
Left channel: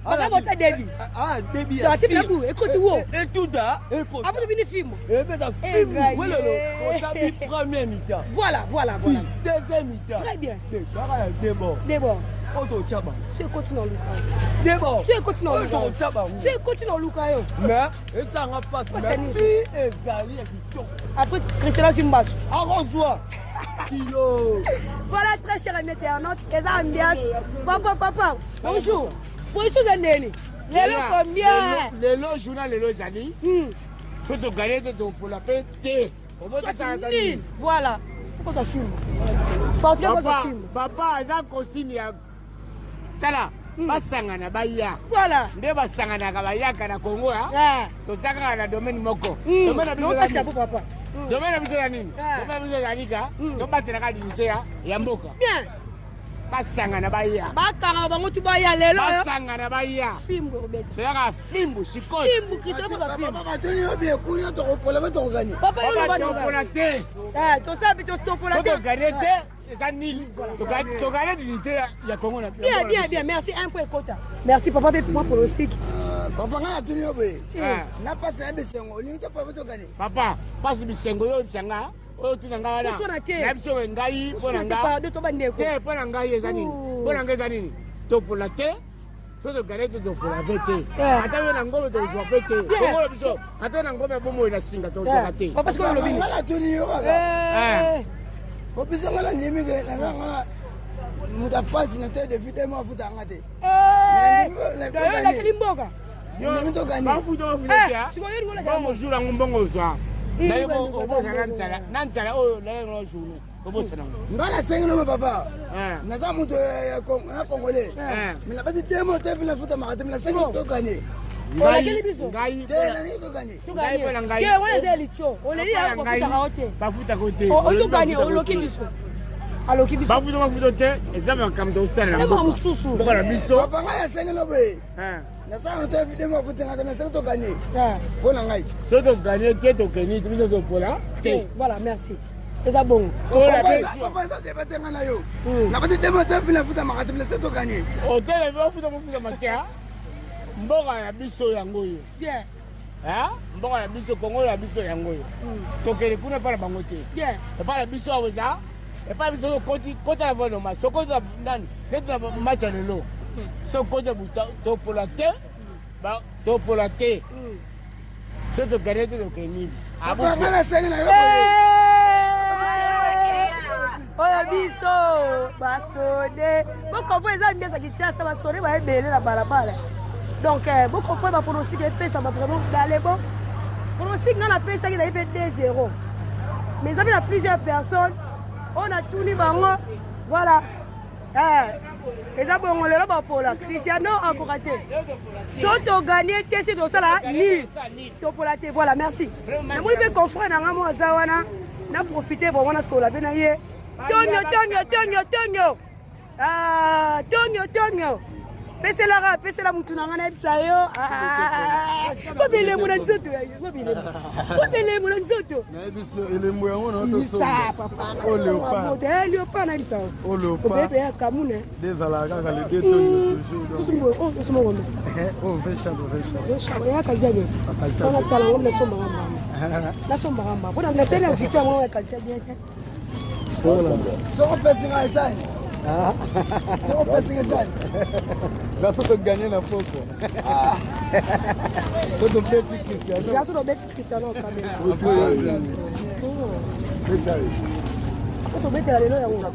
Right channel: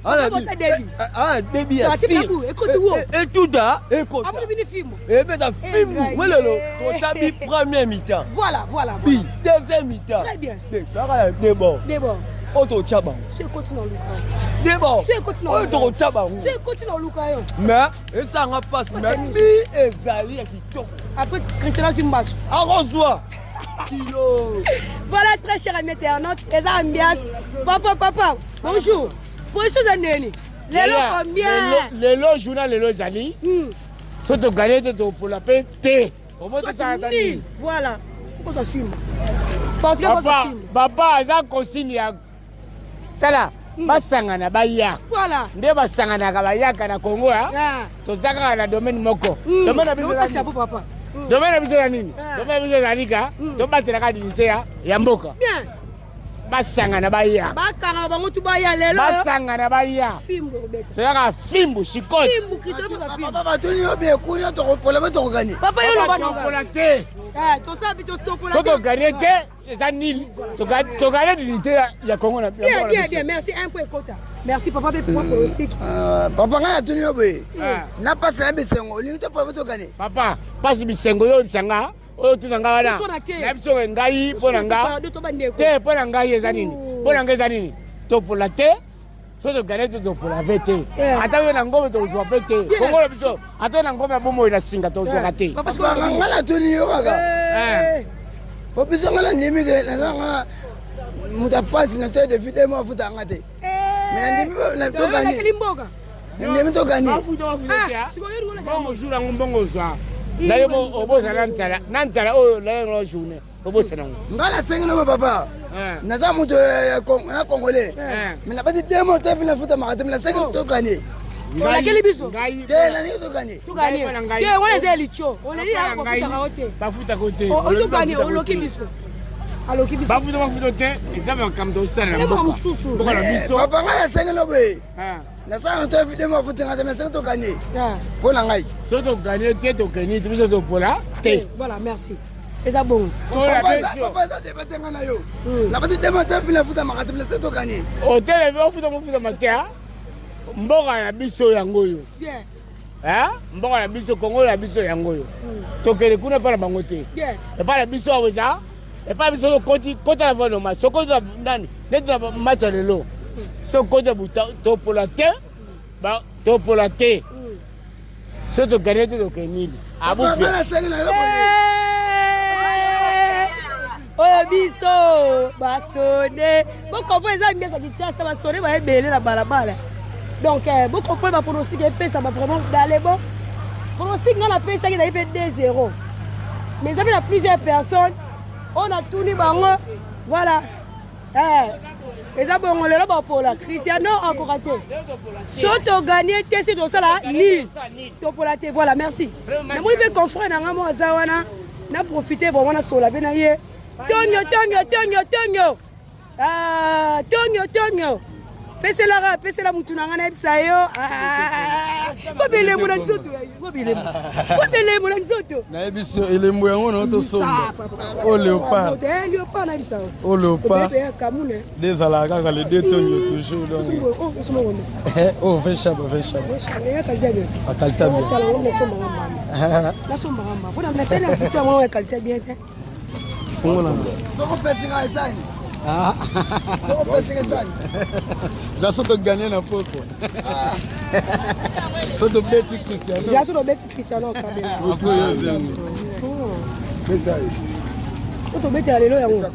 Makambo tia Debi. Ah, Debi. Tu as tiré la boue, écoute wo. Et tout da, écoute. Après le film. Et ben ta film. Voilà le. Ça dit première mi-temps. Voilà. Puis deuxième mi-temps. Très bien. D'abord. Auto Chaba. C'est continue en Luka. D'abord. C'est continue en Luka. Auto Chaba. C'est continue en Luka yo. Mais et ça n'a pas passé. Mais puis ezali qui tombe. Après Cristiano Zimbas. Arrose-toi. Kilo. Voilà, très cher ami internaute, Eza Ambias. Papa, bonjour. Position Zandeni. Lélo combien? Lélo, journal Lélo Zali. Si tu gagnes, tu pour la paix, T. Au moins, tu s'arrêtes à l'île. Voilà. Pourquoi ça filme? Portugais, pourquoi ça filme? Papa, Eza consigne. Tala, basangana baya. Voilà. Nde basangana kabayaka na Congo ha. Tozaka na domaine moko. Domaine na biso chapeau papa. Domaine na biso ya nini? Domaine na biso ya lika. To batela ka dignité ya mboka. Bien. Basangana baya. Bakanga bango tu baya lelo. Basangana baya. Fimbo Roberto. Toyaka fimbo chikote. Fimbo Cristiano za fimbo. Papa toni obe kunya to problème to gagner. Papa yelo bana pour te. To sabi to stop pour la te. To gagner te. C'est un nil. To gagner dignité ya Congo na. Bien, merci un point quota. Merci papa pour le stick. Papa ngana toni obe. Na passe na bisengo, li to problème to gagner. Papa, passe bisengo yo nsanga. Oyo tunanga wana. Na biso ngai pona nga. Te pona ngai eza nini? Pona ngai eza nini? To pour la te. So to gagner to pour la bête. Ata yo na ngombe to zo bête. Kongo na biso. Ata na ngombe bomo ina singa to zo kate. Papa parce que ngala toni yo kaka. Papa so ngala ndimi ke na ngala muta passe na te de vidéo mo futa ngate. Mais ndimi na to gagner. La kilimboka. Ndimi to gagner. Bongo jour ngombo zwa. D'ailleurs, on va se Nantala, oh, la journée. On va se Ngala 5 non, papa. Naza muto na Congolais. Mais la petite démo, tu as vu la photo, mais la 5 to gagner. On a quel biso? Tena ni to gagner. To gagner. Que on les elicho. On les dit à quoi futa kaote. Ba futa kote. On to gagner, on loki biso. Aloki biso. Ba futa te, ezaba kam do sala na mboka. Mboka na biso. Papa ngala 5 no be. Na sana to vidéo mo futa ngata mais 5 to gagner. Pour la ngai. So to gagner te to gagner, tu biso to pola. Te. Voilà, merci. C'est bon. Papa ça débattre ngana yo. La petite démo te la futa ngata mais 5 to gagner. O te le futa mo futa matia. Mboka na biso yango yo. Bien. Mboka na biso Congo na biso yango yo. Tokele kuna para bango te. Bien. Et pas la biso aweza. Et pas biso kota la vono ma. Soko nani? Net match lelo. So kota buta to pour la terre. topola te so togane te tokenili oyo biso basode bokompo eza miesa kinshasa basode baebele na balabala donc bokompo bapronostic epesama vraiment dale bon pronostic nga napesaki nayi mpe 2-0 mais eza mpe na plusieurs personnes oyo natuni bango voilà eza bongo lelo bapola Cristiano akoka te so toganie te si tosala nil topola te voilà merci namoni mpe confrère na nga mo aza wana na profite vraiment nasola mpe na ye tonyo pesela mutu na nga na yebisa yo kobelemo na nzoto kobelemo na nzoto nayebi so elembo yango na otosomba o léopard léopard na yebisa o léopard obebe kamune dezalaka kaka le 2 tonnes toujours donc oh fait chape ya kalite akalita kala ngomna sombanga mama bona na tele victoire mo ya kalite bien te soko pesinga esani soko pesinga esani jaso to gagner la photo photo beti Cristiano jaso to beti Cristiano kabela photo beti la lelo yango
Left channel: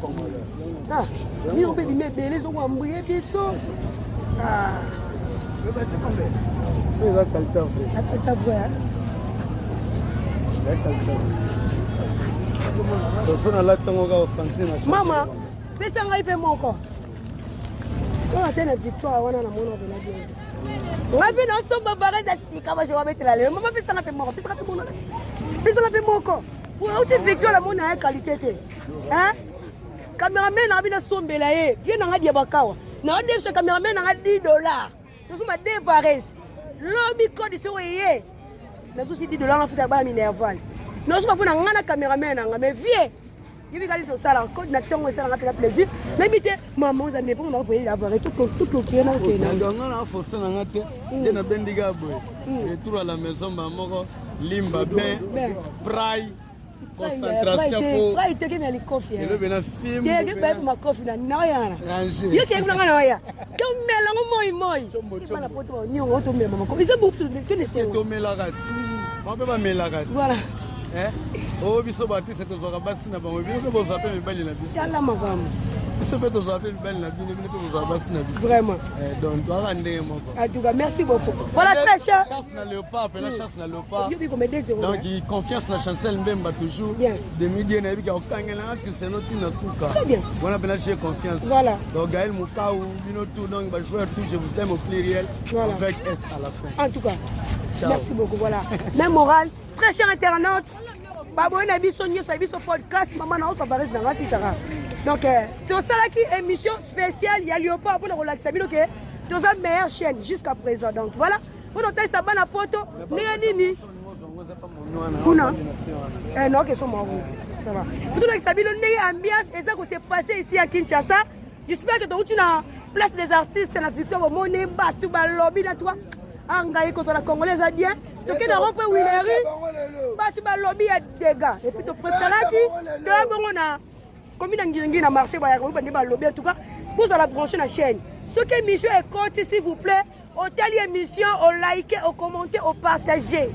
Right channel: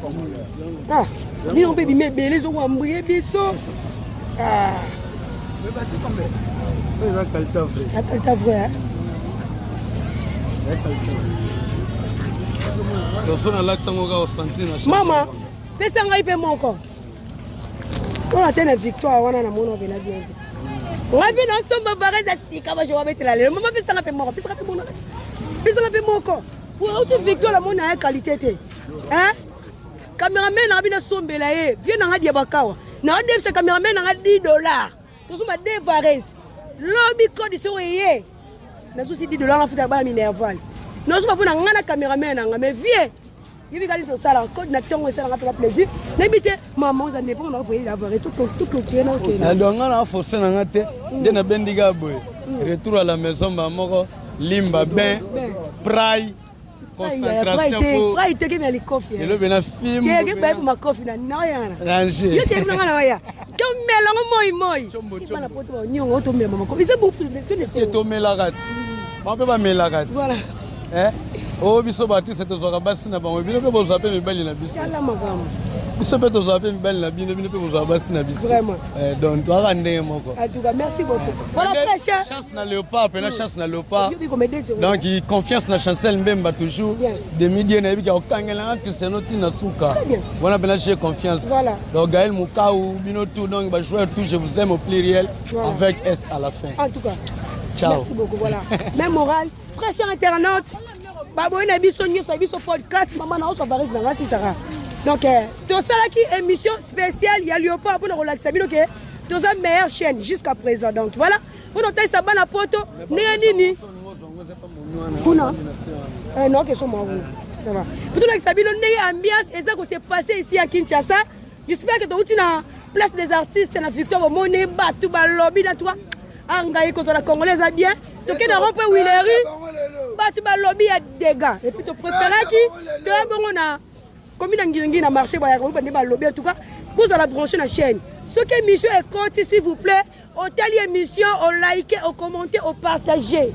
ni on peut bimé belé zo wambuye biso la qualité vraie mama pesa ngai mpe moko mpona te na victoire wana na mona obela bien te ngai mpe nasomba varese asika bajowa betela lelo mama pesanga mpe moko pesanga mpe moko auti victoire na mona ya qualité te cameraman nanga mpe nasombela ye vie nanga dia bakawa na odefisa cameraman nanga $10 tosomba 2 varese lobi kode soko eye nazosi $10 nafuta bana minervoile nosoma mpona nga na cameraman nanga mais vie yebikali tosala code na ntongo esalanga mpena plaisir nayebi te mama ozambe mpo na koyela avare toclotire na okendanga na force nanga te nde nabendika boye retour à la maison bamoko limba bain prai concentration prai teke mia likofi elobe na film teke bayebi makofi na naoyana yo teke kuna nga na oya tomelango moi bana poto baniongo otomela makofi eza tomelaka ti bape bamelaka ti voilà o biso batiste tozwaka basi na bango bino mpe bozwa mpe mibali na biso tala makambo biso mpe tozwaka mpe mibali na bino bino mpe bozwaka basi na biso vraiment donc toaka ndenge moko en tout cas merci beaucoup voilà très cher chance na léopard pena chance na léopard yo biko medezo donc confiance na Chancel Mbemba toujours demi die na yebika okangelanga Cristiano tina suka voilà pena j'ai confiance voilà donc Gaël Moukau bino tout donc ba joueur tout je vous aime au pluriel avec S à la fin en tout cas ciao merci beaucoup voilà même moral très cher internaute baboyi na biso nyonso ya biso podcast mama na oso varese na nga sisaka donc tosalaki émission spéciale ya Léopard mpona kolakisa bino ke toza meilleure chaîne jusqu'à présent donc voilà mpona otalisa bana poto ndenge nini kuna non question mwa kuna po tolakisa bino ndenge ambiance eza kose passe ici à Kinshasa j'espère que touti na place des artistes na victoire omoni bato balobi na toi angai kozala congolais eza bien tokende rompe wileri bato balobi ya dégâts et puis topréféraki toya bongo na komi na ngiringi na marché bayaka oyo bande balobi en tout cas bozala branché na chaîne soki émission ekoti s'il vous plaît otali émission olike okommente opartage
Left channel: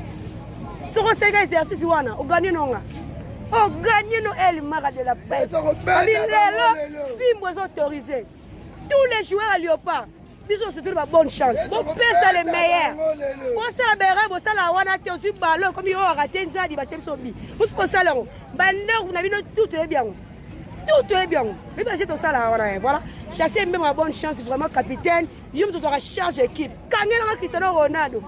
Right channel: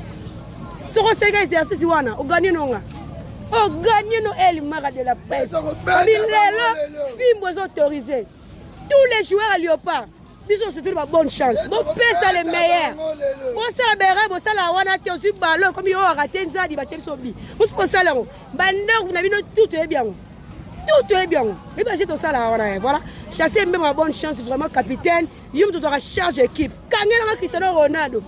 soko osenga exercice wana oganie nonga oganie no elimaka de la presse abi lelo fimbo eza autorisé tous les joueurs à Léopard biso c'est toute ma bonne chance bon pesa les meilleurs bosala bere bosala wana te ozwi ballon comme yo raté nzadi batie biso bi bosala ngo bandako na bino tout est bien mais parce que tosala wana voilà chasser même ma bonne chance vraiment capitaine yo to doit charge équipe kangela nga Cristiano Ronaldo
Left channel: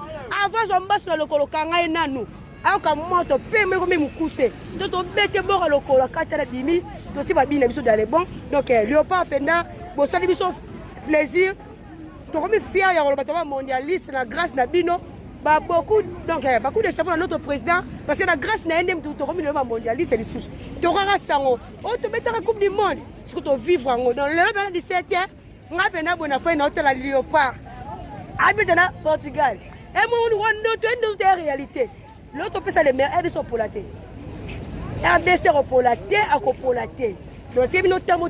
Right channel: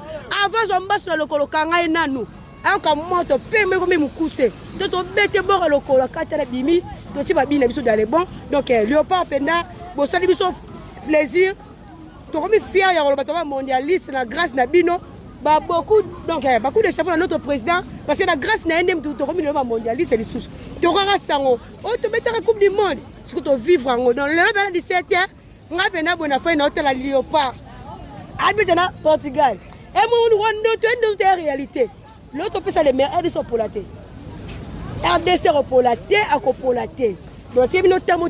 avant zomba sur le lokolo kanga enanu aka moto pembe comme mukuse to bete bora lokolo katala bimi to ti ba bina biso dans les bons donc Léopard penda bosali biso plaisir tokomi fier ya koloba toba mondialiste na grâce na bino ba beaucoup donc beaucoup de chapeau à notre président parce que la grâce na ndem tokomi le mondialiste et les sous tokanga sango o to betaka coupe du monde ce que to vivre en dans le 17 nga pena bona fa na hôtel la Léopard habite na Portugal et mon rondo to ndo réalité l'autre peut ça les meilleurs RDC pour la thé RDC pour la thé à pour la thé. Donc, si vous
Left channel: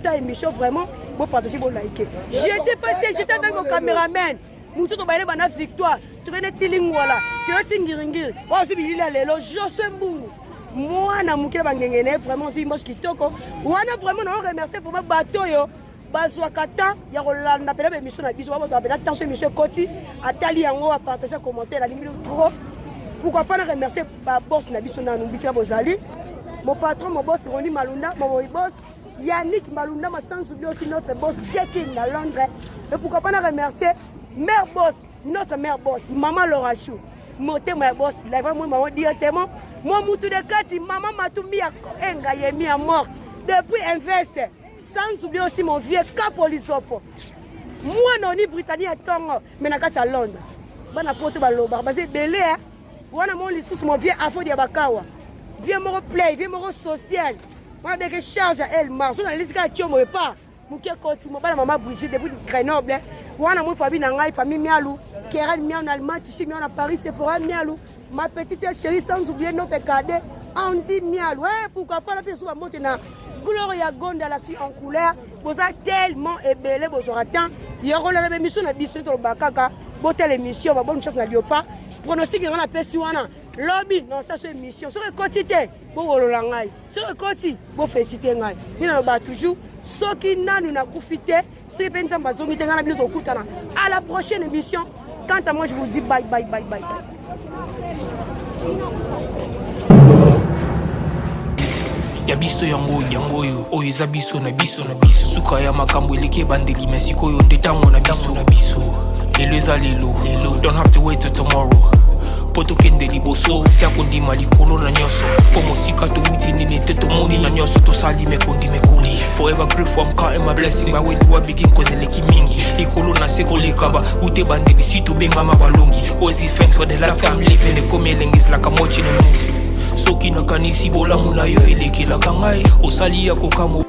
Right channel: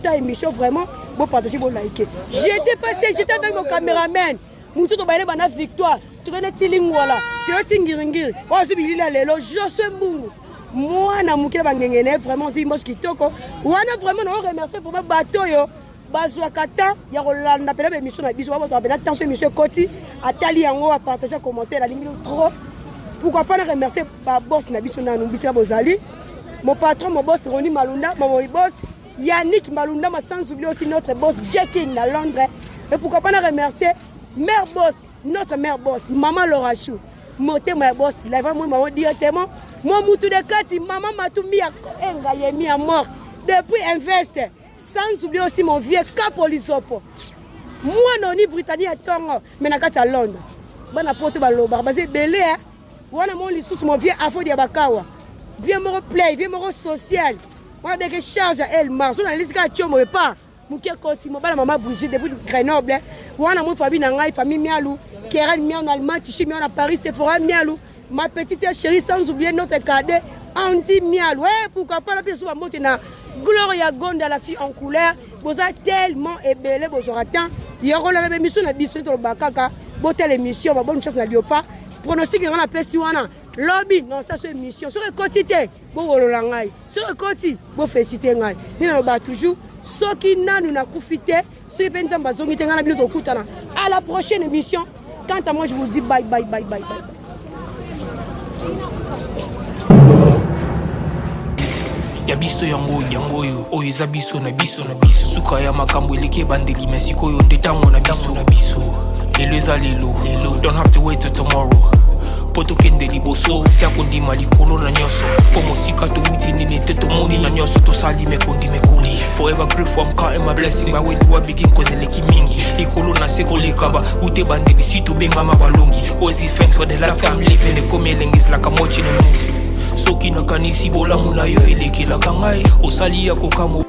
avez émission, vraiment, vous partagez, vous likez. J'étais passé, j'étais avec mon caméraman. mutu to baile bana victoire to kene tilingwala to tingiringiri wa si bilila lelo Josué Mbungu mwana mukile bangengene vraiment si mbosh kitoko wana vraiment on remercier pour ma bateau yo bazwa kata ya kolanda pela be mission na biso ba bazwa pela tension monsieur Koti atali yango a partager commentaire la ligne trop pourquoi pas remercier ba boss na biso na numbisa bozali mon patron mon boss Roni Malunda mon boss Yannick Malunda ma sans oublier aussi notre boss Jackie à Londres et pourquoi pas remercier mère boss notre mère boss maman Laura Chou moté ma boss la vraiment moi directement moi mutu de kati maman Matumi ya enga yemi à mort depuis invest sans oublier aussi mon vieux Capolisopo moi non ni Britannique à Tongo mais na kati à Londres bana poto baloba basé belé hein wana mon lisusu mon vieux afo dia bakawa vieux mon play vieux mon social moi dès que charge à elle marche on a laissé ka tio mo pas muke Koti mo bana maman Brigitte depuis Grenoble wana mon famille na ngai famille mialu Keren mialu en Allemagne Tichi mialu à Paris Sephora mialu ma petite chérie sans oublier notre cadet Andy mialu ouais pourquoi pas la personne va monter na Gloria Gonda la fille en couleur vous a tellement ébélé vous aura tant il y aura la émission na biso to bakaka botel émission ba bonne chance na liopa pronostic on appelle si wana lobby dans cette émission sur quotité bo wolola ngai sur quotité bo féliciter ngai ni na ba toujours soki nanu na kufite sur penza bazongi tenga na bilo to kutana à la prochaine émission quant à moi je vous dis bye bye bye bye ya biso yango yo oyo eza biso na biso suka ya makambo eleki ebandeli me sikoyo nde ntango na biso lelo eza lelo don't have to wait till tomorrow po tokende liboso tia kondima likolo na nyonso po mosika towuti nini te tomoni na nyonso tosali mekoli forever grateful I'm counting my blessing my way to a begin cause eleki mingi likolo na se kolekaba ute bandeli si tobengama balongi always give thanks for the life I'm living the coming is like I'm watching a movie soki nakanisi bolamu na yo elekelaka ngai osali ya kokamo